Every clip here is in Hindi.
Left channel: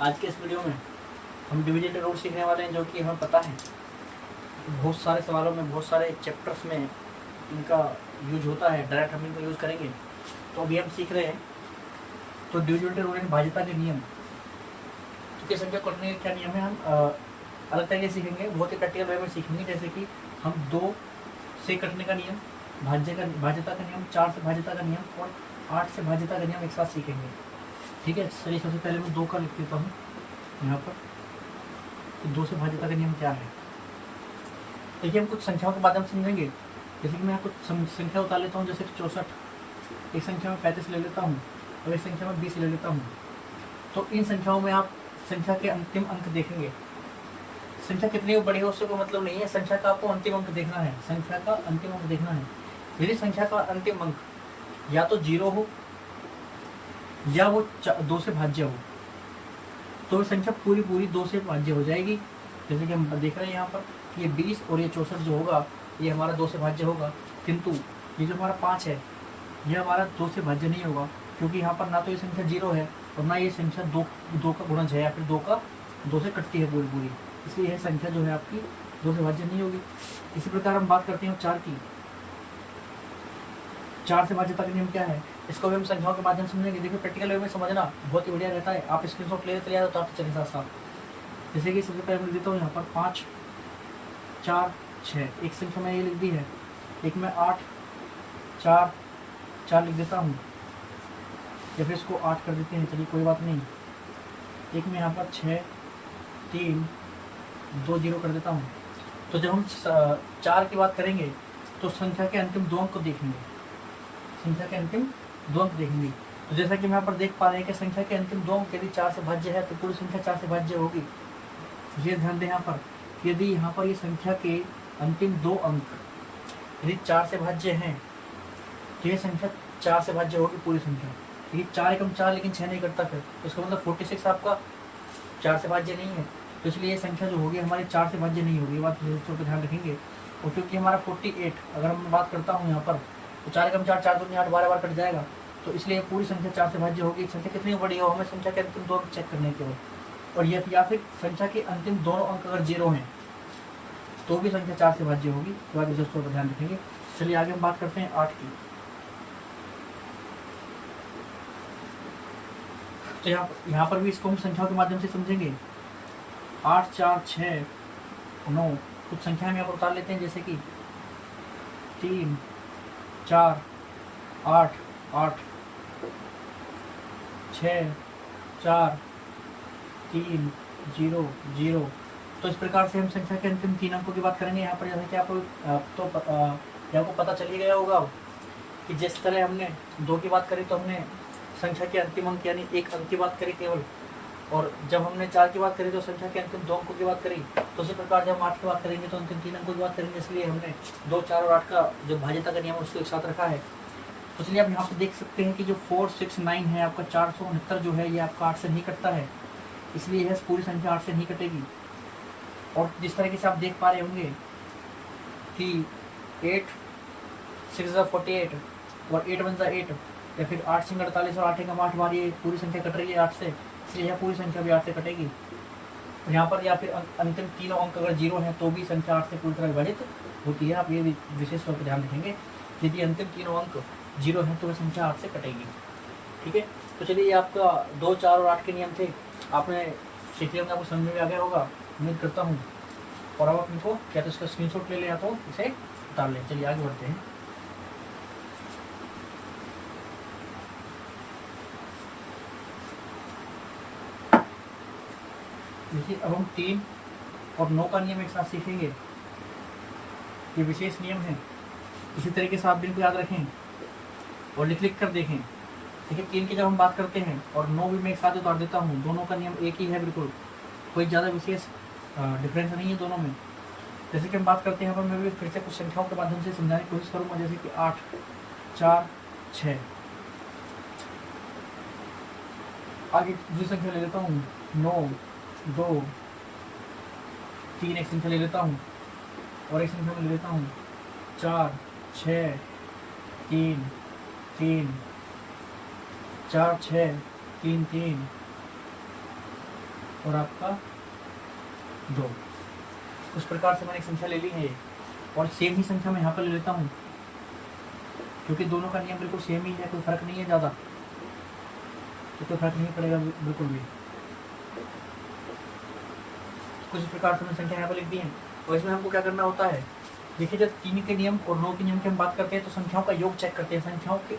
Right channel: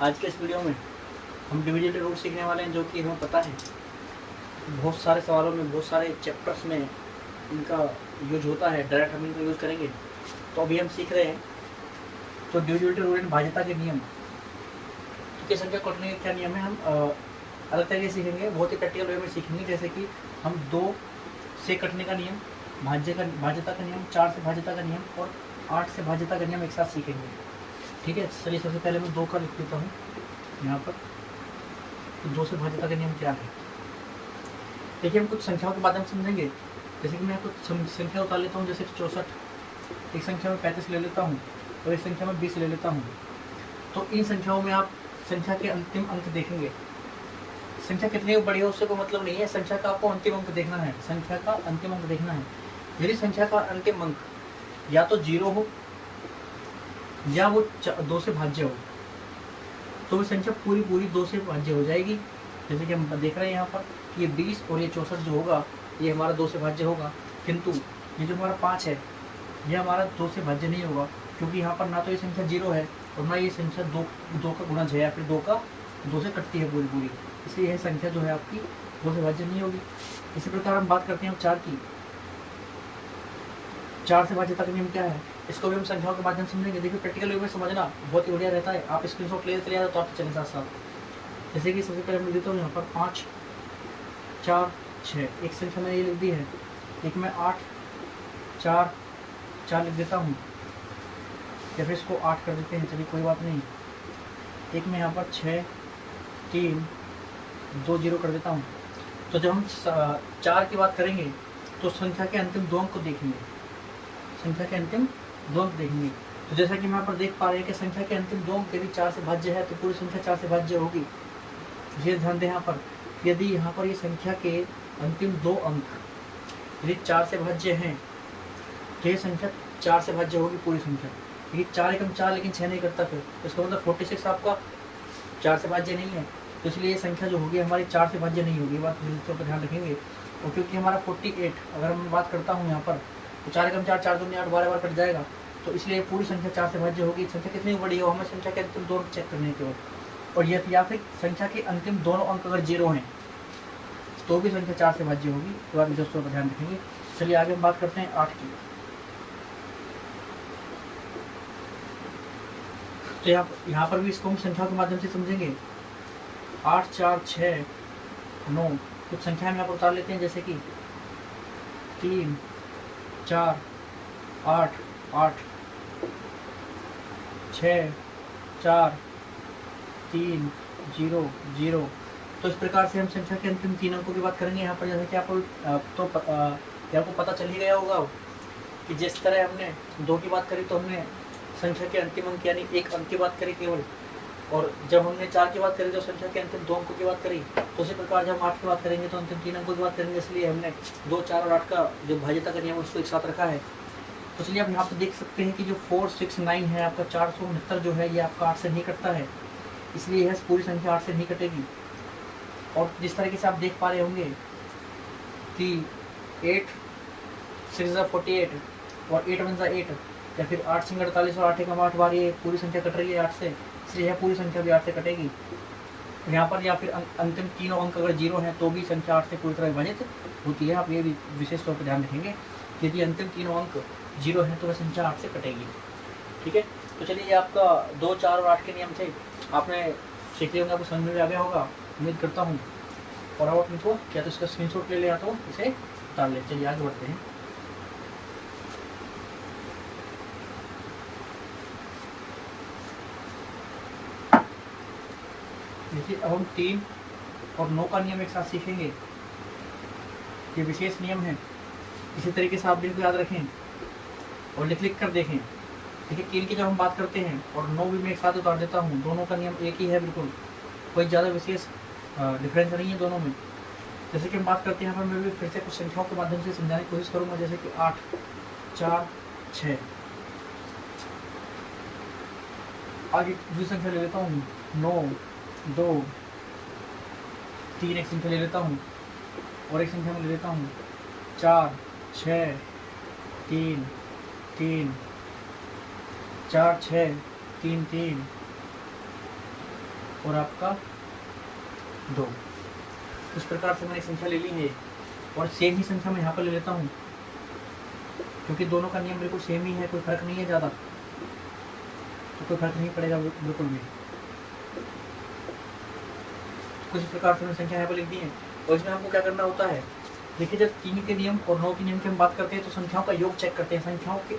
आज के इस वीडियो में हम डिविजन रूल सीखने वाले हैं, जो कि हमें पता है बहुत सारे सवालों में, बहुत सारे चैप्टर्स में इनका यूज होता है। डायरेक्ट हम इनको यूज़ करेंगे। तो अभी हम सीख रहे हैं तो डिविजिबिलिटी रूल एंड भाज्यता के नियम की संख्या कटने के क्या नियम है, हम अलग तरीके से सीखेंगे, बहुत ही प्रैक्टिकल वे में सीखेंगे। जैसे कि हम 2 से कटने का नियम, भाज्यता का नियम, 4 से भाज्यता का नियम और 8 से भाज्यता का नियम एक साथ सीखेंगे। ठीक है, चलिए सबसे पहले मैं 2 का लिख देता हूँ यहाँ पर। तो 2 से भाज्यता का नियम क्या है, देखिए हम कुछ संख्याओं के माध्यम समझेंगे। जैसे कि मैं कुछ संख्या उतार लेता हूँ, जैसे कि 64, एक संख्या में 35 ले लेता हूँ और एक संख्या में 20 ले लेता हूँ। तो इन संख्याओं में आप संख्या के अंतिम अंक देखेंगे। संख्या कितनी बड़ी हो उससे कोई मतलब नहीं है, संख्या का आपको अंतिम अंक देखना है, संख्या का अंतिम अंक देखना है। यदि संख्या का अंतिम अंक या तो 0 हो या वो 2 से भाज्य हो, तो संख्या पूरी 2 से भाज्य हो जाएगी। जैसे कि हम देख रहे हैं यहाँ पर, ये 20 और ये 64 जो होगा ये हमारा 2 से भाज्य होगा। किंतु ये जो हमारा 5 है ये हमारा 2 से भाज्य नहीं होगा, क्योंकि यहाँ पर ना तो ये संख्या 0 है और ना ये संख्या 2 का गुणज है, या फिर 2 से कटती है पूरी। इसलिए यह संख्या जो है आपकी 2 से भाज्य नहीं होगी। इसी प्रकार हम बात करते हैं 4 की। 4 से भाज्यता का नियम क्या है, इसको भी हम संख्याओं के माध्यम समझेंगे। देखिए प्रैक्टिकल वे में समझना बहुत ही बढ़िया रहता है। आप स्क्रीनशॉट ले चले जाते तो आप चलें साथ साथ। जैसे कि सबसे पहले मैं देता हूँ यहाँ पर 5, 4, 6, एक संख्या मैंने ये लिख दी है। एक में 8, 4, 4 लिख देता हूँ, या फिर इसको 8 कर देते हैं, चलिए कोई बात नहीं। एक में यहाँ पर 6, 3, 2, 0 कर देता हूँ। तो जब हम 4 की बात करेंगे तो संख्या के अंतिम 2 अंक को देखेंगे, संख्या के अंतिम 2 अंक देखेंगे। तो जैसा कि हम यहाँ पर देख पा रहे हैं कि संख्या के अंतिम 2 अंक यदि 4 से भाज्य है तो पूरी संख्या 4 से भाज्य होगी। ये ध्यान दें यहाँ पर, यदि यहाँ पर ये संख्या के अंतिम 2 अंक यदि 4 से भाज्य हैं तो ये संख्या 4 से भाज्य होगी पूरी संख्या। यदि 4 एकम 4 लेकिन 6 नहीं करता, फिर उसका मतलब 46 आपका 4 से भाज्य नहीं है। तो इसलिए ये संख्या जो होगी हमारी 4 से भाज्य नहीं होगी, बात विशेष पर ध्यान रखेंगे। और क्योंकि हमारा 48 अगर मैं बात करता हूँ यहाँ पर, तो 4 एकम 4, 4 दूनी 8, 12 बार कट जाएगा। तो इसलिए पूरी संख्या 4 से भाज्य होगी। संख्या कितनी बड़ी हो, हमें संख्या के अंतिम 2 अंक चेक करने के बाद, और या फिर संख्या के अंतिम दोनों अंक अगर 0 हैं तो भी संख्या 4 से भाज्य होगी। तो बात विशेष पर ध्यान रखेंगे। चलिए आगे हम बात करते हैं 8 की। तो यहाँ पर भी इसको हम संख्याओं के माध्यम से समझेंगे। 8, 4, 6, 9, कुछ संख्या में यहाँ पर उतार लेते हैं, जैसे कि 3, 4, 8, 8, 6, 4, 3, 0, 0। तो इस प्रकार से हम संख्या के अंतिम 3 अंकों की बात करेंगे यहाँ पर। जैसे कि आपको पता चल ही गया होगा कि जिस तरह हमने 2 की बात करी तो हमने संख्या के अंतिम अंक यानी 1 अंक की बात करी केवल, और जब हमने 4 की बात करी तो संख्या के अंतिम 2 अंकों की बात करी। तो उसी प्रकार जब हम 8 की बात करेंगे तो अंतिम 3 अंकों की बात करेंगे। इसलिए हमने 2, 4 और 8 का जो भाज्यता का नियम उसको एक साथ रखा है। तो चलिए आप यहाँ पर देख सकते हैं कि जो 4, 6, 9 है आपका 469 जो है ये आपका 8 से नहीं कटता है, इसलिए यह पूरी संख्या 8 से नहीं कटेगी। और जिस तरीके से आप देख पा रहे होंगे कि 8, 6 48 और 8 1 8, या फिर 8 सिंह 48 और 8 एकम 8 बार ये पूरी संख्या कट रही है 8 से, इसलिए यह पूरी संख्या भी 8 से कटेगी। यहाँ पर या फिर अंतिम तीनों अंक अगर 0 हैं तो भी संख्या 8 से पूरी तरह विभाजित होती है। आप ये भी विशेष तौर पर ध्यान रखेंगे, यदि अंतिम तीनों अंक 0 हैं तो वह संख्या 8 से कटेगी। ठीक है, तो चलिए ये आपका 2, 4 और 8 के नियम थे। आपने सीख लिया होंगे, आपको समझ में आ गया होगा उम्मीद करता हूँ। और अब आप इनको क्या तो इसका स्क्रीनशॉट ले लिया तो इसे उतार लें। चलिए आगे बढ़ते हैं। देखिए अब हम 3 और 9 का नियम एक साथ सीखेंगे। ये विशेष नियम है, इसी तरीके से आप भी इनको याद रखें और लिख कर देखें। देखिए 3 की जब हम बात करते हैं और 9 भी मैं एक साथ उतार देता हूँ, दोनों का नियम एक ही है, बिल्कुल कोई ज़्यादा विशेष डिफरेंस नहीं है दोनों में। जैसे कि हम बात करते हैं, यहाँ पर मैं भी फिर से कुछ संख्याओं के माध्यम से समझाने की कोशिश करूँगा। जैसे कि 8, 4, 6, आगे दूसरी संख्या ले लेता हूँ 9, 2, 3, एक संख्या ले लेता हूँ और एक संख्या में ले लेता हूँ 4, 6, 3, 3, 4, 6, 3, 3, और आपका 2। इस प्रकार से मैंने एक संख्या ले ली है और सेम ही संख्या मैं यहाँ पर ले लेता हूँ, क्योंकि दोनों का नियम बिल्कुल सेम ही है, कोई फर्क नहीं है ज़्यादा, तो कोई फर्क नहीं पड़ेगा बिल्कुल भी। तो कुछ प्रकार से मैंने संख्या यहाँ पर लिख दी है। और इसमें हमको क्या करना होता है, देखिए जब 3 के नियम और 9 के नियम की हम बात करते हैं तो संख्याओं का योग चेक करते हैं,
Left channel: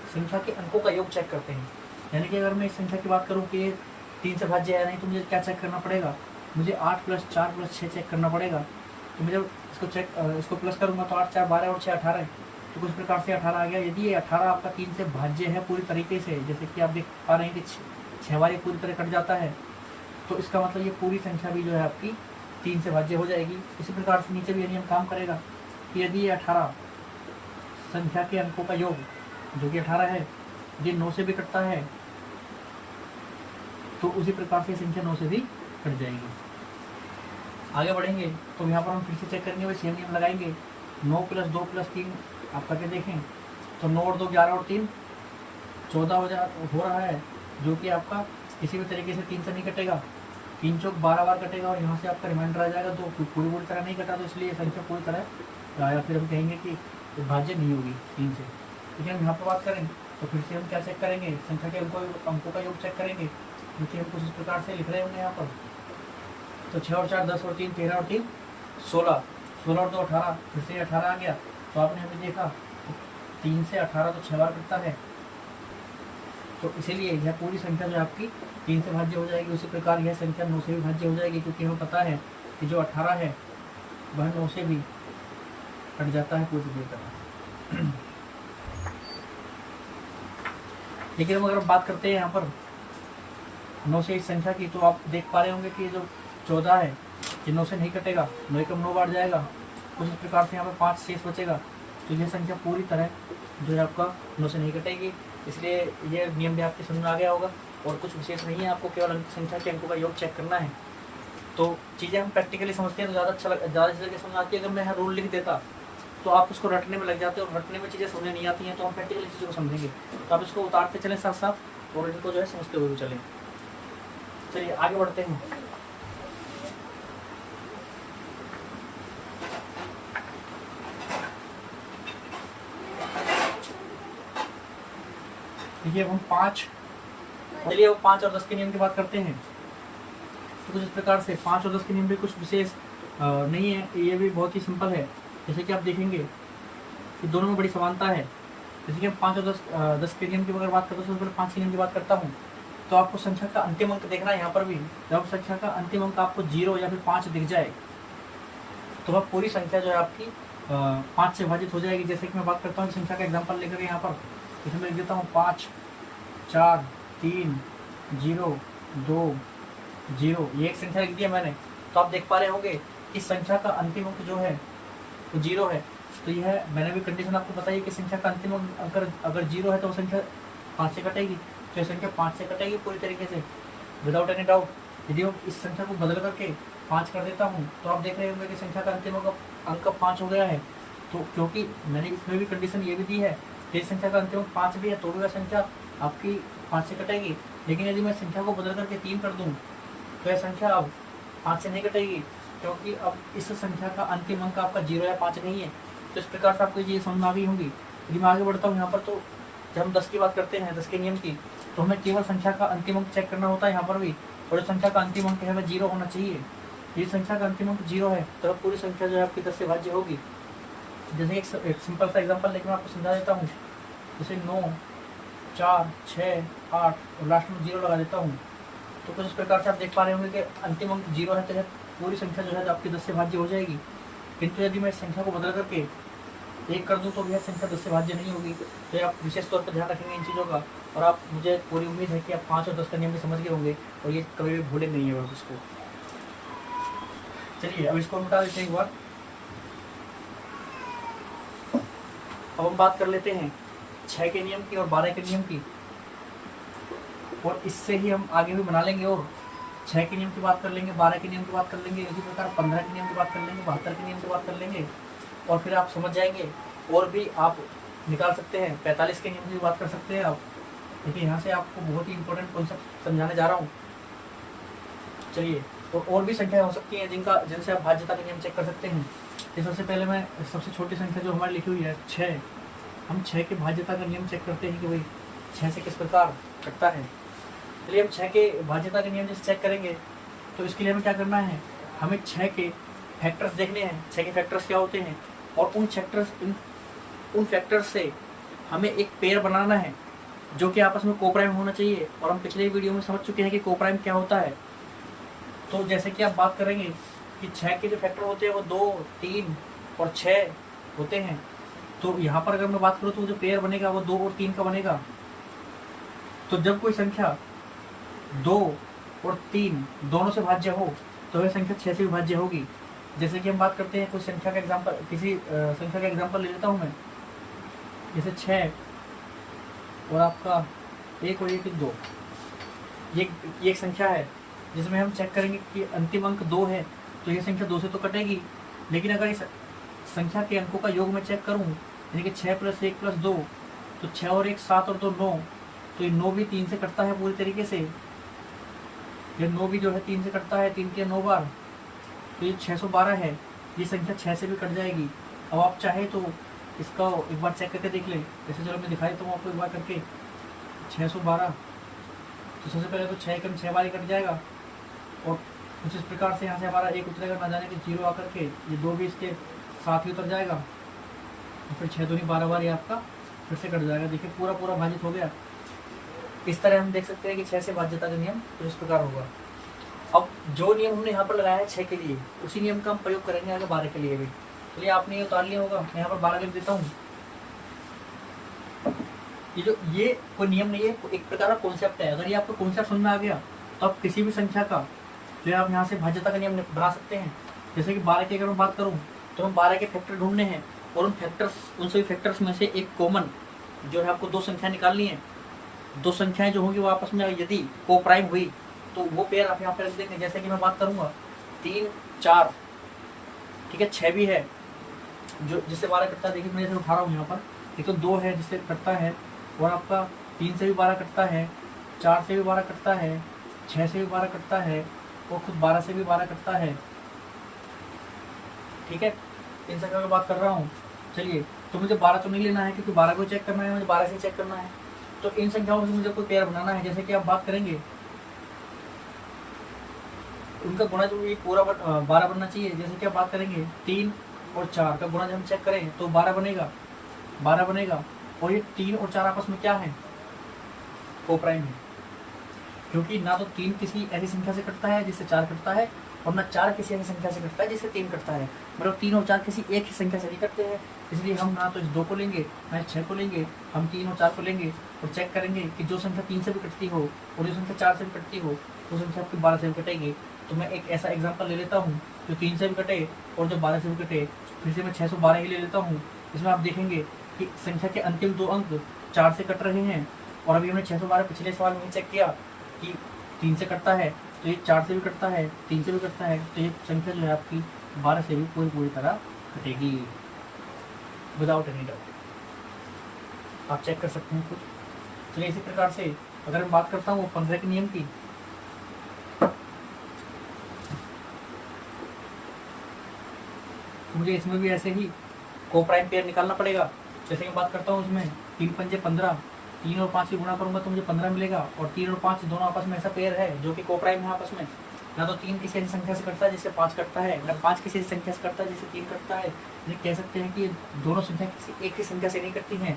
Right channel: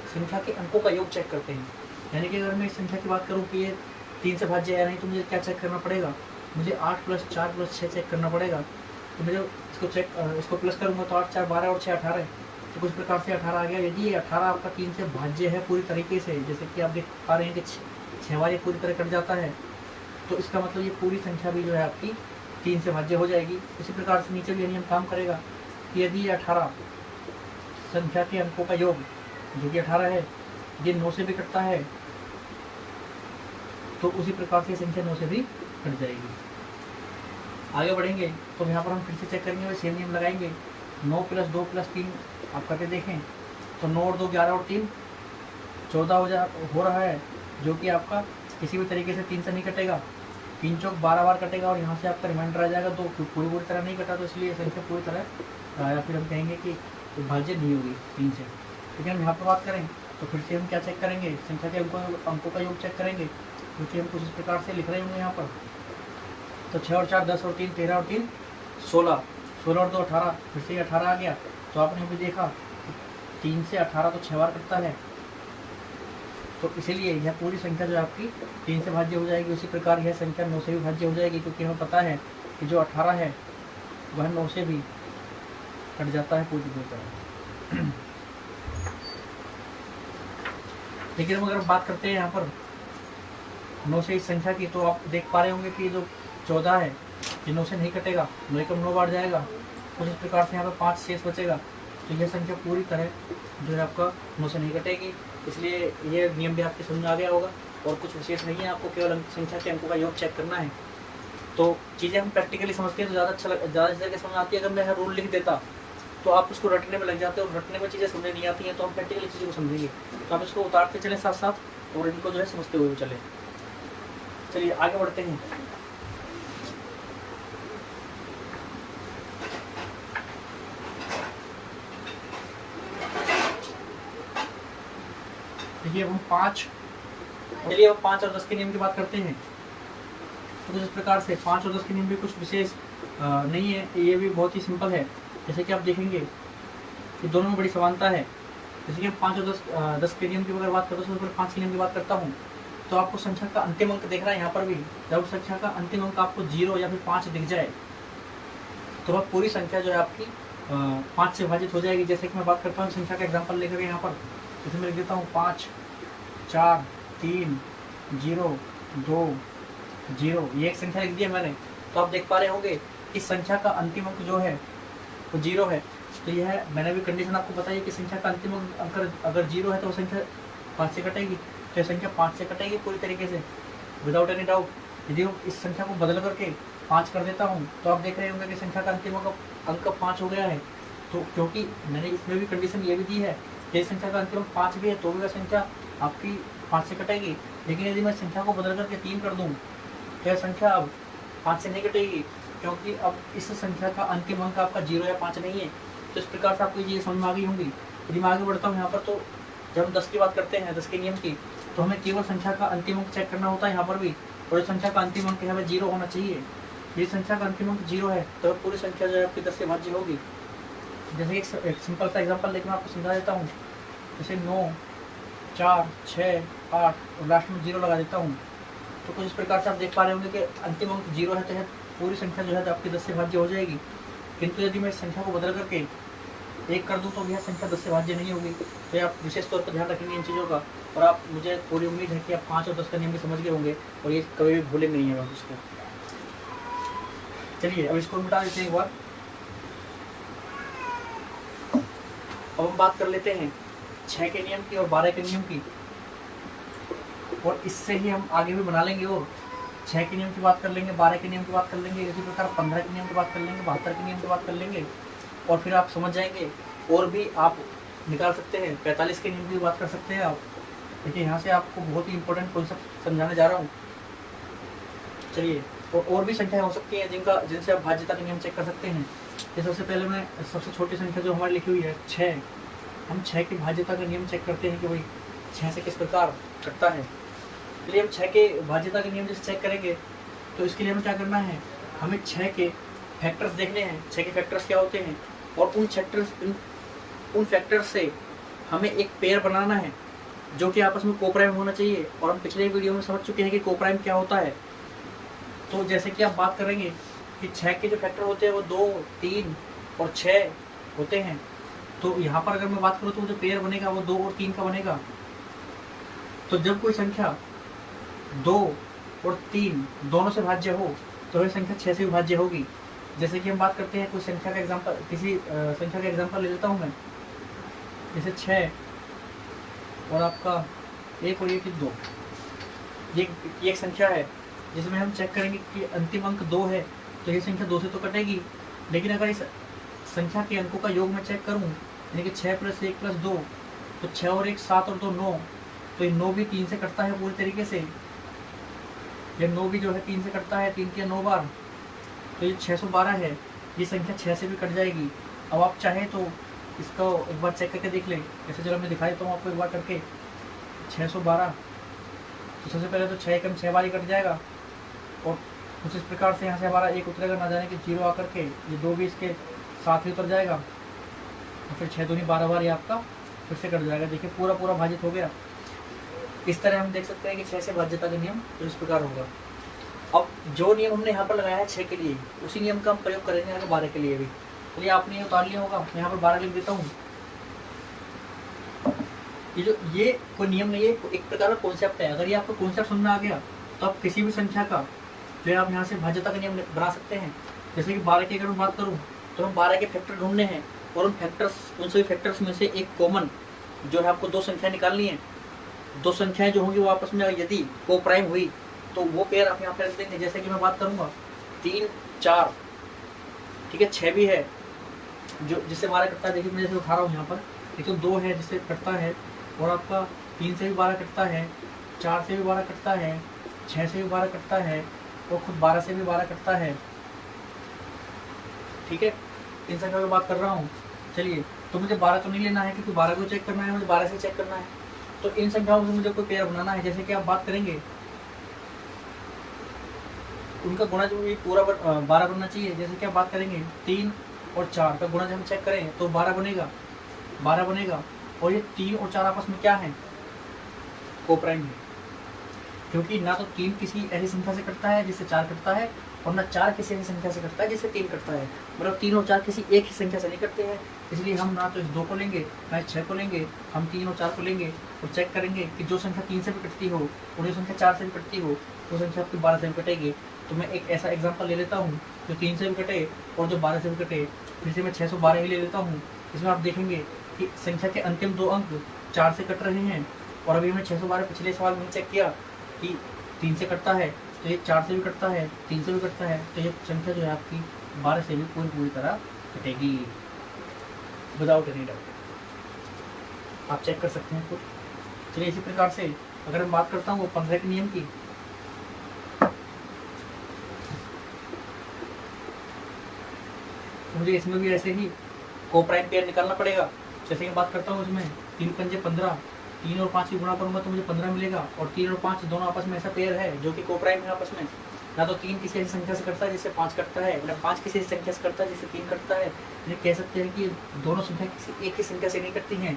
संख्या के अंकों का योग चेक करते हैं। यानी कि अगर मैं इस संख्या की बात करूँ कि ये 3 से भाज्य है या नहीं, तो मुझे क्या चेक करना पड़ेगा, मुझे 8 + 4 + 6 चेक करना पड़ेगा। तो मैं जब इसको प्लस करूँगा तो 8 4 12 और 6 18 है, तो कुछ प्रकार से 18 आ गया। यदि ये 18 आपका 3 से भाज्य है पूरी तरीके से, जैसे कि आप देख पा रहे हैं कि 6 बार ये पूरी तरह कट जाता है, तो इसका मतलब ये पूरी संख्या भी जो है आपकी 3 से भाज्य हो जाएगी। इसी प्रकार से नीचे भी नियम काम करेगा कि यदि 18 संख्या के अंकों का योग जो कि 18 है, यदि 9 से भी कटता है तो उसी प्रकार से संख्या 9 से भी कट जाएगी। आगे बढ़ेंगे तो यहाँ पर हम फिर से चेक करेंगे, वही सेम नियम लगाएंगे। 9 + 2 + 3 आप करके देखें तो 9 और 2 11 और 3 14 हो रहा है, जो कि आपका किसी भी तरीके से 3 से नहीं कटेगा। 3 चौक 12 बार कटेगा और यहाँ से आपका रिमाइंडर आ जाएगा 2, पूरी तरह नहीं कटा, तो इसलिए संख्या पूरी तरह या फिर हम कहेंगे कि भाज्य नहीं होगी 3 से। ठीक है, हम यहाँ पर बात करें तो फिर से हम क्या चेक करेंगे, संख्या के अंकों का योग चेक करेंगे, क्योंकि हम कुछ इस प्रकार से लिख रहे होंगे यहाँ पर। तो 6 और 4 10 और 3 13 और 3 16, 16 और 2 18, फिर से 18 आ गया। तो आपने अभी देखा तो 3 से 18 तो 6 बार कटता है, तो इसीलिए यह पूरी संख्या जो है आपकी 3 से भाज्य हो जाएगी। उसी प्रकार यह संख्या 9 से भी भाज्य हो जाएगी, क्योंकि हमें पता है कि जो 18 है वह 9 से भी कट जाता है पूरी तरह। लेकिन हम अगर बात करते हैं यहाँ पर 9 से इस संख्या की, तो आप देख पा रहे होंगे कि जो 14 है ये 9 से नहीं कटेगा, 9 का 9 बार जाएगा, तो इस प्रकार से यहाँ पर 5 शेष बचेगा। तो यह संख्या पूरी तरह जो है आपका 9 से नहीं कटेगी, इसलिए ये नियम भी आपके समझ में आ गया होगा। और कुछ विशेष नहीं है, आपको केवल संख्या के अंकों का योग चेक करना है। तो चीज़ें हम प्रैक्टिकली समझते हैं तो ज़्यादा तरीके समझ आती है। अगर मैं रूल लिख देता तो आप उसको रटने में लग जाते हो, और रटने में चीज़ें समझ नहीं आती हैं, तो हम प्रैक्टिकली चीज़ों को समझेंगे। तो आप इसको उतारते चलें साथ साथ, और इनको जो है समझते हुए चलें। चलिए आगे बढ़ते हैं। देखिए हम 5 और 10 के नियम की बात करते हैं। तो कुछ इस प्रकार से 5 और 10 के नियम भी कुछ विशेष नहीं है, ये भी बहुत ही सिंपल है। जैसे कि आप देखेंगे कि दोनों में बड़ी समानता है। जैसे कि हम 5 और 10 के नियम की अगर बात करते हैं, तो 5 के नियम की बात करता हूँ, तो आपको संख्या का अंतिम अंक देखना है। यहाँ पर भी जब संख्या का अंतिम अंक आपको 0 या फिर 5 दिख जाए, तो वह पूरी संख्या जो है आपकी 5 से विभाजित हो जाएगी। जैसे कि मैं बात करता हूँ संख्या का एग्जाम्पल लेकर यहाँ पर, जैसे मैं लिख देता हूँ 5 4 3 0 2 0, ये एक संख्या लिख दी है मैंने। तो आप देख पा रहे होंगे इस संख्या का अंतिम अंक जो है वो 0 है। तो यह मैंने भी कंडीशन आपको बताई कि संख्या का अंतिम अंक अगर 0 है तो वो संख्या 5 से कटेगी, तो यह संख्या 5 से कटेगी पूरी तरीके से विदाउट एनी डाउट। यदि मैं इस संख्या को बदल करके 5 कर देता हूँ, तो आप देख रहे होंगे कि संख्या का अंतिम अंक 5 हो गया है। तो क्योंकि मैंने इसमें भी कंडीशन ये भी दी है कि संख्या का अंतिम अंक 5 भी है, तो भी वह संख्या आपकी 5 से कटेगी। लेकिन यदि मैं संख्या को बदल करके 3 कर दूँ, तो यह संख्या अब 5 से नहीं कटेगी, क्योंकि अब इस संख्या का अंतिम अंक आपका 0 या 5 नहीं है। तो इस प्रकार से आपको ये समझ में आ गई होंगी। यदि मैं आगे बढ़ता हूँ यहाँ पर, तो जब हम 10 की बात करते हैं, 10 के नियम की, तो हमें केवल संख्या का अंतिम अंक चेक करना होता है यहाँ पर भी। और इस संख्या का अंतिम अंक हमें 0 होना चाहिए। यदि संख्या का अंतिम अंक 0 है तो पूरी संख्या जो है आपकी 10 से भाज्य होगी। जैसे एक सिंपल सा एग्जाम्पल लेकर मैं आपको समझा देता हूँ। जैसे 9 4 6 8 और लास्ट में 0 लगा देता हूँ। तो कुछ इस प्रकार से आप देख पा रहे होंगे कि अंतिम अंक 0 है, तो यह पूरी संख्या जो है आपकी 10 से भाज्य हो जाएगी। किंतु यदि मैं इस संख्या को बदल करके 1 कर दूं, तो यह संख्या 10 से भाज्य नहीं होगी। तो आप विशेष तौर पर ध्यान रखेंगे इन चीज़ों का। और आप, मुझे पूरी उम्मीद है कि आप 5 और 10 का नियम भी समझ गए होंगे, और ये कभी भी भूलेंगे नहीं है उसको। चलिए अब इसको मिटा देते हैं एक बार। अब हम बात कर लेते हैं 6 के नियम की और 12 के नियम की, और इससे ही हम आगे भी बना लेंगे। और 6 के नियम की बात कर लेंगे, 12 के नियम की बात कर लेंगे, इसी प्रकार 15 के नियम की बात कर लेंगे, 72 के नियम की बात कर लेंगे, और फिर आप समझ जाएंगे। और भी आप निकाल सकते हैं, 45 के नियम की बात कर सकते हैं आप। देखिए यहाँ से आपको बहुत ही इंपॉर्टेंट कॉन्सेप्ट समझाने जा रहा हूँ। चलिए, और भी संख्याएं हो सकती हैं जिनसे आप भाज्यता का नियम चेक कर सकते हैं। तो सबसे पहले मैं सबसे छोटी संख्या जो हमारी लिखी हुई है 6, हम 6 की भाज्यता का नियम चेक करते हैं कि भाई 6 से किस प्रकार कटता है। इसलिए हम 6 के भाज्यता का नियम जैसे चेक करेंगे तो इसके लिए हमें क्या करना है, हमें 6 के फैक्टर्स देखने हैं, 6 के फैक्टर्स क्या होते हैं, और उन फैक्टर्स से हमें एक पेयर बनाना है जो कि आपस में कोप्राइम होना चाहिए। और हम पिछले वीडियो में समझ चुके हैं कि कोप्राइम क्या होता है। तो जैसे कि आप बात करेंगे कि 6 के जो फैक्टर होते हैं वो 2, 3 और 6 होते हैं। तो यहाँ पर अगर मैं बात करूँ तो जो पेयर बनेगा वो 2 और 3 का बनेगा। तो जब कोई संख्या 2 और 3 दोनों से भाज्य हो तो वह संख्या 6 से विभाज्य होगी। जैसे कि हम बात करते हैं कोई संख्या का एग्जाम्पल, किसी संख्या का एग्जाम्पल ले लेता हूँ मैं, जैसे 6 और आपका 1 और 1 2, ये एक संख्या है जिसमें हम चेक करेंगे कि अंतिम अंक 2 है तो ये संख्या 2 से तो कटेगी। लेकिन अगर इस संख्या के अंकों का योग मैं चेक करूँ, यानी कि 6 + 1 + 2, तो 6 और 1 7 और 2 9, तो ये 9 भी 3 से कटता है पूरी तरीके से। ये 9 भी जो है 3 से कटता है, 3 के 9 बार, तो ये 612 है। ये संख्या 6 से भी कट जाएगी। अब आप चाहे तो इसका एक बार चेक करके देख लें। जैसे चलो मैं दिखा देता हूँ आपको एक बार करके। 612, तो सबसे पहले तो 6 एकम 6 बार ही कट जाएगा, और कुछ इस प्रकार से यहाँ से हमारा 1 उतरेगा, ना जाने कि 0 आकर के ये 2 भी इसके साथ ही उतर जाएगा, और फिर 6 दूनी 12 बार ये आपका फिर से कट जाएगा। देखिए पूरा भाजित हो गया। इस तरह हम देख सकते हैं कि 6 से भाज्यता का नियम तो इस प्रकार होगा। अब जो नियम हमने यहाँ पर लगाया है 6 के लिए, उसी नियम का हम प्रयोग करेंगे आगे 12 के लिए भी। चलिए आपने ये उतार लिया होगा, मैं यहाँ पर 12 लिख देता हूँ। ये कोई नियम नहीं है, एक प्रकार का कॉन्सेप्ट है। अगर ये आपको कॉन्सेप्ट समझ में आ गया तो आप किसी भी संख्या का जो आप यहाँ से भाज्यता का नियम बना सकते हैं। जैसे कि 12 की अगर मैं बात करूँ तो हम 12 के फैक्टर ढूंढने हैं, और उन सभी फैक्टर्स में से एक कॉमन जो है आपको 2 संख्या निकालनी है। 2 संख्याएं जो होंगी वो आपस में यदि कोप्राइम हुई तो वो पेयर आप यहाँ पे रख देंगे। जैसे कि मैं बात करूँगा 3 4, ठीक है, 6 भी है जो जिससे 12 कटता है। देखिए मैं जैसे उठा रहा हूँ यहाँ पर, एक तो 2 है जिससे कटता है, और आपका 3 से भी 12 कटता है, 4 से भी 12 कटता है, 6 से भी 12 कटता है, और खुद 12 से भी 12 कटता है। ठीक है, इन संख्या की बात कर रहा हूँ। चलिए, तो मुझे 12 तो नहीं लेना है क्योंकि 12 को चेक करना है, मुझे 12 से चेक करना है। तो इन संख्याओं से मुझे कोई पेयर बनाना है। जैसे कि आप बात करेंगे उनका गुणा जो भी पूरा 12 बनना चाहिए। जैसे कि आप बात करेंगे 3 और 4 का गुणा जब हम चेक करें तो 12 बनेगा। और ये 3 और 4 आपस में क्या है, कोप्राइम है। क्योंकि ना तो 3 किसी ऐसी संख्या से कटता है जिससे 4 कटता है, और ना 4 किसी ऐसी संख्या से कटता है जिससे 3 कटता है। मतलब 3 और 4 किसी एक ही संख्या से नहीं कटते हैं। इसलिए हम ना तो इस 2 को लेंगे ना इस 6 को लेंगे, हम 3 और 4 को लेंगे और चेक करेंगे कि जो संख्या 3 से भी कटती हो और जो संख्या 4 से भी कटती हो वो संख्या आपकी 12 से भी कटेगी। तो मैं एक ऐसा एग्जाम्पल ले लेता हूँ जो 3 से भी कटे और जो 12 से भी कटे। फिर से मैं 612 ही ले लेता हूँ। इसमें आप देखेंगे कि संख्या के अंतिम 2 अंक 4 से कट रहे हैं, और अभी मैं 612 पिछले सवाल में चेक किया कि 3 से कटता है, तो ये 4 से भी कटता है, 3 से भी कटता है, तो ये संख्या जो है आपकी 12 से भी पूरी तरह कटेगी, विदाउट एनी डाउट। आप चेक कर सकते हैं खुद। चलिए इसी प्रकार से अगर मैं बात करता हूँ 15 के नियम की, तो मुझे इसमें भी ऐसे ही कोप्राइम पेयर निकालना पड़ेगा। जैसे मैं बात करता हूँ इसमें 3 पंजे 15, 3 और 5 की गुणा करूंगा तो मुझे 15 मिलेगा, और 3 और 5 दोनों आपस में ऐसा पेयर है जो कि कोप्राइम है आपस में। ना तो 3 किसी ऐसी संख्या से कटता है जिससे 5 कटता है, ना 5 किसी ऐसी संख्या से कटता है जिससे 3 कटता है। ये कह सकते हैं कि दोनों संख्या किसी एक ही संख्या से नहीं कटती हैं।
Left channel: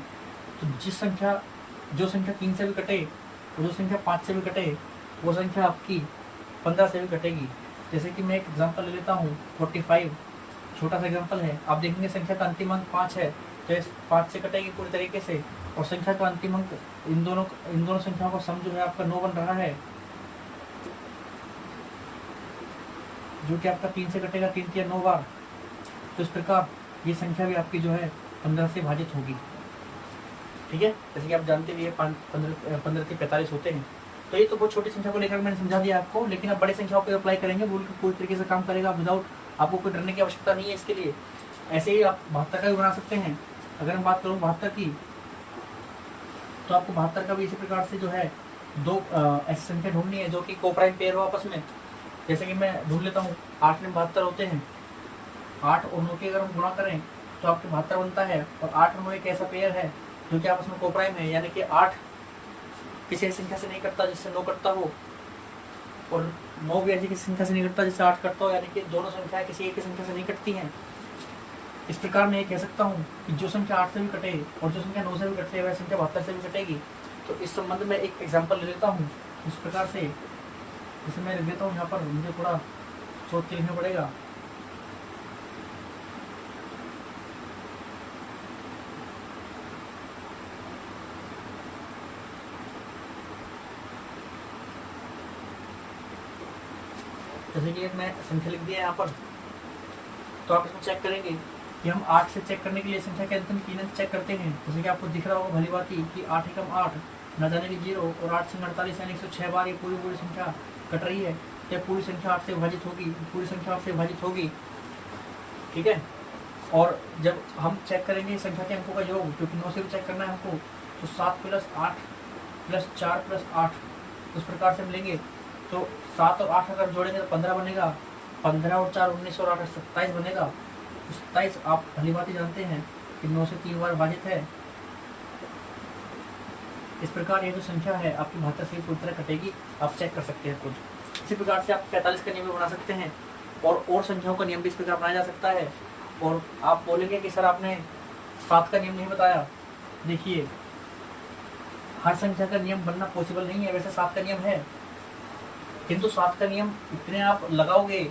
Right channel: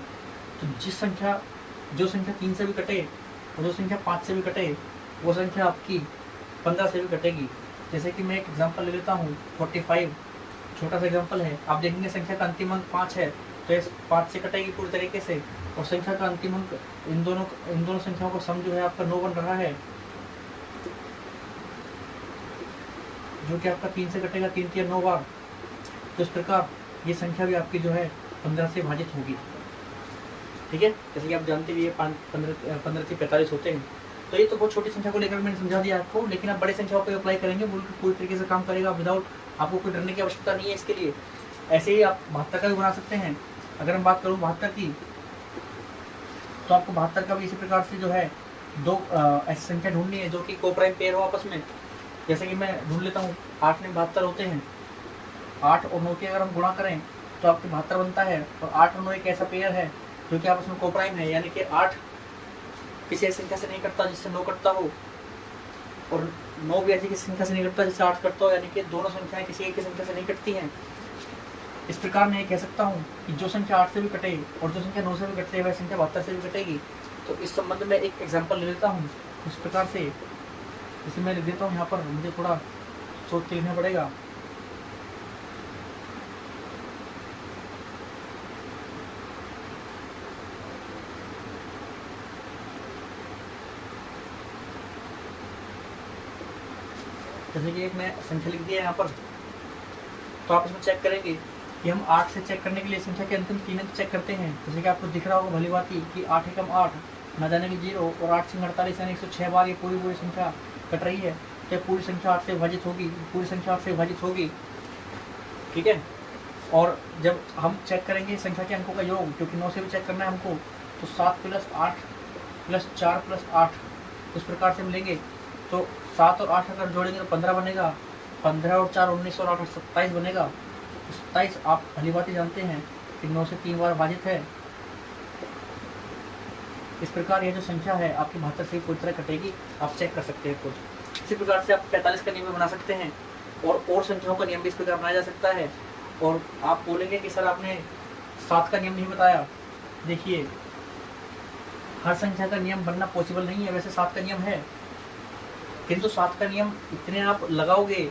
तो जो संख्या 3 से भी कटे और जो संख्या 5 से भी कटे वो संख्या आपकी 15 से भी कटेगी। जैसे कि मैं एक एग्जाम्पल ले लेता हूँ 45, छोटा सा एग्जाम्पल है। आप देखेंगे संख्या का अंतिम अंक 5 है तो 5 से कटेगी पूरी तरीके से, और संख्या का अंतिम अंक इन दोनों संख्याओं का सम जो है आपका 9 बन रहा है, जो कि आपका 3 से कटेगा, 3 के 9 बार। तो इस प्रकार ये संख्या भी आपकी जो है 15 से भाजित होगी। ठीक है, जैसे कि आप जानते भी 15 से 45 होते हैं। तो ये तो बहुत छोटी संख्या को लेकर मैंने समझा दिया आपको, लेकिन आप बड़े संख्याओं पे अप्लाई करेंगे वो पूरी तरीके से काम करेगा विदाउट, आपको कोई डरने की आवश्यकता नहीं है इसके लिए। ऐसे ही आप 72 का भी बना सकते हैं। अगर मैं बात करूँ 72 की, तो आपको 72 का भी इसी प्रकार से जो है 2 ऐसी संख्या ढूंढनी है जो कि कोप्राइम पेयर हो आपस में। जैसे कि मैं ढूंढ लेता हूँ, 8 में 72 होते हैं, 8 और 9 के अगर हम गुणा करें तो आपके 72 बनता है। और 8 और 9 एक ऐसा पेयर है जो कि आपस में कोप्राइम है, यानी कि 8 किसी ऐसी संख्या से नहीं कटता जिससे 9 कटता हो, और 9 भी ऐसी किसी संख्या से नहीं कटता जिससे 8 कटता हो, यानी कि दोनों संख्याएं किसी एक संख्या से नहीं कटती हैं। इस प्रकार मैं ये कह सकता हूँ कि जो संख्या 8 से भी कटे और जो संख्या 9 से भी कटती है वह संख्या 72 से भी कटेगी। तो इस संबंध में एक एग्जाम्पल ले लेता हूँ इस प्रकार से, जैसे मैं लिख देता हूँ यहाँ पर, मुझे थोड़ा सोच के लिखना पड़ेगा। जैसे कि मैं संख्या लिख दिया यहाँ पर, तो आप इसमें चेक करेंगे कि हम 8 से चेक करने के लिए संख्या के अंतिम 3 अंक चेक करते हैं। जैसे कि आपको दिख रहा होगा भली बात ही कि 8 एकम 8, न जाने की 0 और 8 सिंह 48 यानी 106 बार ये पूरी संख्या कट रही है। तो पूरी संख्या 8 से विभाजित होगी, पूरी संख्या 8 से विभाजित होगी, ठीक है। और जब हम चेक करेंगे संख्या के अंकों का योग, क्योंकि 9 से भी चेक करना है हमको, तो 7 + 8 + 4 + 8 उस प्रकार से मिलेंगे। तो 7 और 8 अगर जोड़ेंगे तो 15 बनेगा, 15 और 4 19 और 8 27 बनेगा। 27 आप भली बात ही जानते हैं कि 9 से 3 बार विभाजित है। इस प्रकार ये जो संख्या है आपकी 72 से पूरी तरह कटेगी, आप चेक कर सकते हैं खुद। इसी प्रकार से आप 45 का नियम बना सकते हैं, और संख्याओं का नियम भी इस प्रकार बनाया जा सकता है। और आप बोलेंगे कि सर आपने 7 का नियम नहीं बताया। देखिए, हर संख्या का नियम बनना पॉसिबल नहीं है, वैसे 7 का नियम है, किंतु 7 का नियम इतने आप लगाओगे,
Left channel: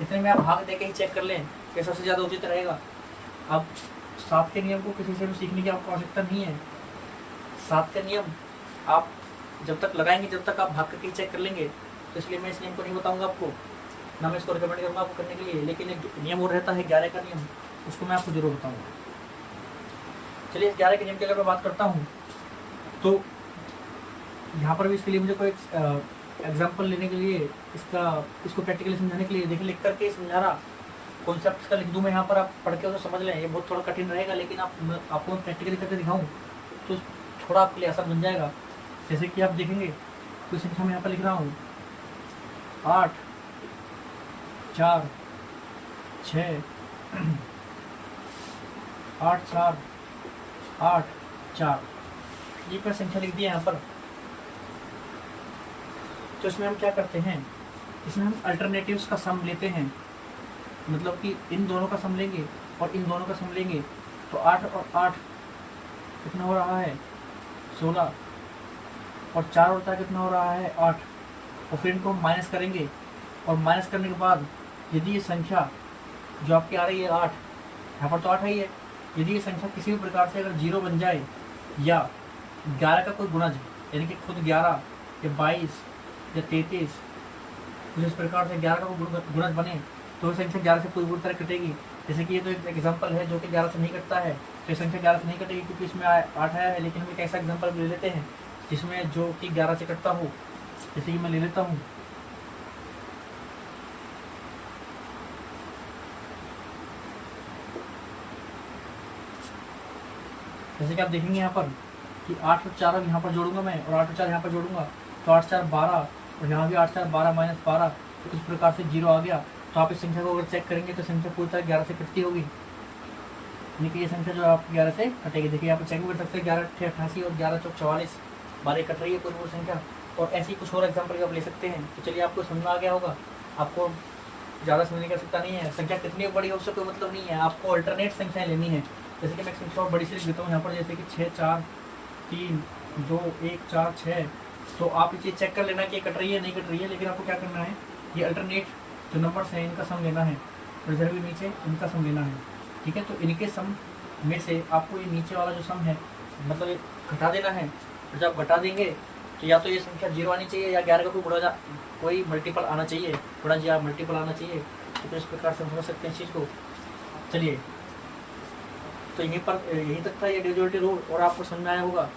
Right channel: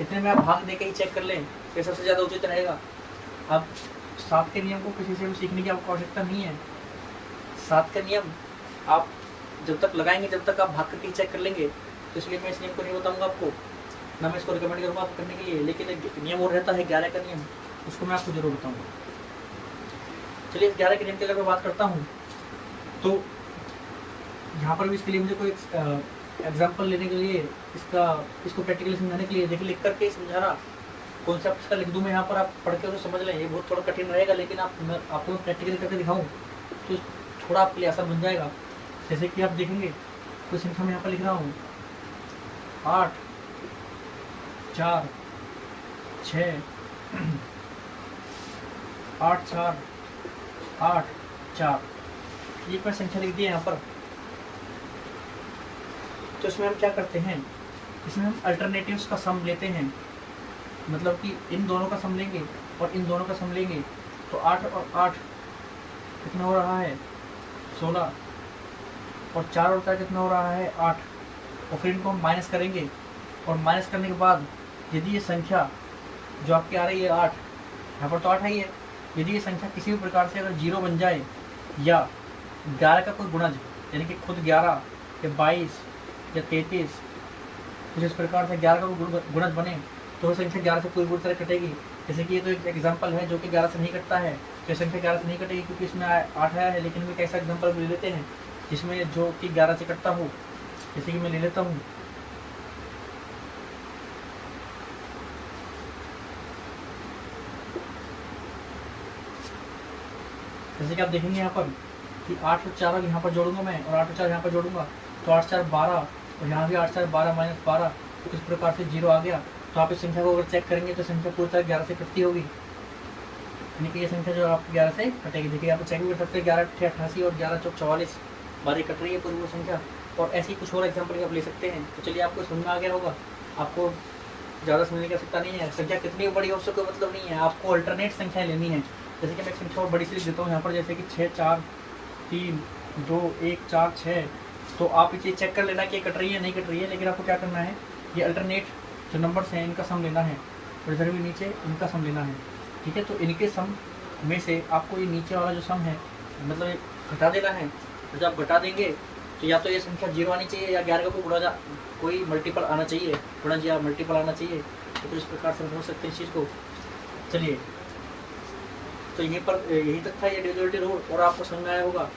इतने में आप भाग दे के ही चेक कर लें तो सबसे ज़्यादा उचित रहेगा। अब 7 के नियम को किसी से भी सीखने की आपको आवश्यकता नहीं है। 7 का नियम आप जब तक लगाएंगे, जब तक आप भाग करके चेक कर लेंगे, तो इसलिए मैं इस नियम को नहीं बताऊंगा आपको, ना मैं इसको रिकमेंड करूँगा आपको करने के लिए। लेकिन एक नियम और रहता है 11 का नियम, उसको मैं आपको जरूर बताऊँगा। चलिए, 11 के नियम की अगर मैं बात करता हूँ तो यहाँ पर भी इसके लिए मुझे कोई एग्जाम्पल लेने के लिए, इसको प्रैक्टिकली समझाने के लिए, देखिए लिख करके समझा रहा, कॉन्सेप्ट का लिख दूँ मैं यहाँ पर, आप पढ़ के तो समझ लें। ये बहुत थोड़ा कठिन रहेगा, लेकिन आपको प्रैक्टिकली करके दिखाऊँ तो थोड़ा आपके लिए आसान बन जाएगा। जैसे कि आप देखेंगे, कोई संख्या मैं यहाँ पर लिख रहा हूँ, 8 4 6 8 4 8 4, ये पर संख्या लिख दिया यहाँ पर। तो इसमें हम क्या करते हैं, इसमें हम अल्टरनेटिव्स का सम लेते हैं, मतलब कि इन दोनों का सम लेंगे और इन दोनों का सम लेंगे। तो 8 और 8 कितना हो रहा है, 16, और 4 और 4 कितना हो रहा है, 8। और फिर इनको हम माइनस करेंगे, और माइनस करने के बाद यदि ये संख्या जो आपकी आ रही है 8, यहाँ पर तो 8 ही है, यदि ये संख्या किसी भी प्रकार से अगर 0 बन जाए, या 11 का कोई गुणज, यानी कि खुद 11 या 22 या 33, जिस प्रकार से 11 का गुणज बने, तो संख्या 11 से पूरी तरह कटेगी। जैसे कि ये तो एक एग्जांपल है जो कि 11 से नहीं कटता है, तो संख्या 11 से नहीं कटेगी क्योंकि इसमें 8 आया है। लेकिन हम एक ऐसा एग्जांपल ले लेते हैं जिसमें जो कि 11 से कटता हो। जैसे कि मैं ले लेता हूँ, जैसे कि आप देखेंगे यहाँ पर कि 8 और 4 यहाँ पर जोड़ूंगा मैं, और 8 और 4 यहाँ पर जोड़ूंगा, तो 8 4 12, और यहाँ भी 8 4 12 - 12, तो इस प्रकार से 0 आ गया। तो आप इस संख्या को अगर चेक करेंगे तो संख्या पूरी तरह 11 से कटती होगी, यानी कि ये संख्या जो आप 11 से कटेगी। देखिए यहाँ पर चेक भी कर सकते हैं, 11 8 88 और 11 4 44 बार कट रही है पूरी संख्या। और ऐसी कुछ और एग्जाम्पल आप ले सकते हैं। तो चलिए, आपको समझ में आ गया होगा, आपको ज़्यादा समझने की आवश्यकता नहीं है। संख्या कितनी बड़ी हो उससे कोई मतलब नहीं है, आपको अल्टरनेट संख्याएँ लेनी है। जैसे कि मैं एक संख्या और बड़ी सी लिख देता हूँ यहाँ पर, जैसे कि 6 4 3 2 1 4 6। तो आप ये चेक कर लेना कि ये कट रही है नहीं कट रही है, लेकिन आपको क्या करना है, ये अल्टरनेट जो नंबर्स हैं इनका सम लेना है, और इधर भी नीचे इनका सम लेना है, ठीक है। तो इनके सम में से आपको ये नीचे वाला जो सम है, मतलब घटा देना है। तो जब घटा देंगे तो या तो ये संख्या 0 आनी चाहिए, या 11 का कोई मल्टीपल आना चाहिए, गुणज या मल्टीपल आना चाहिए। तो इस प्रकार से समझ सकते हैं इस चीज़ को। चलिए, तो यहीं तक था ये डिविजिबिलिटी रूल, और आपको समझ में आया होगा।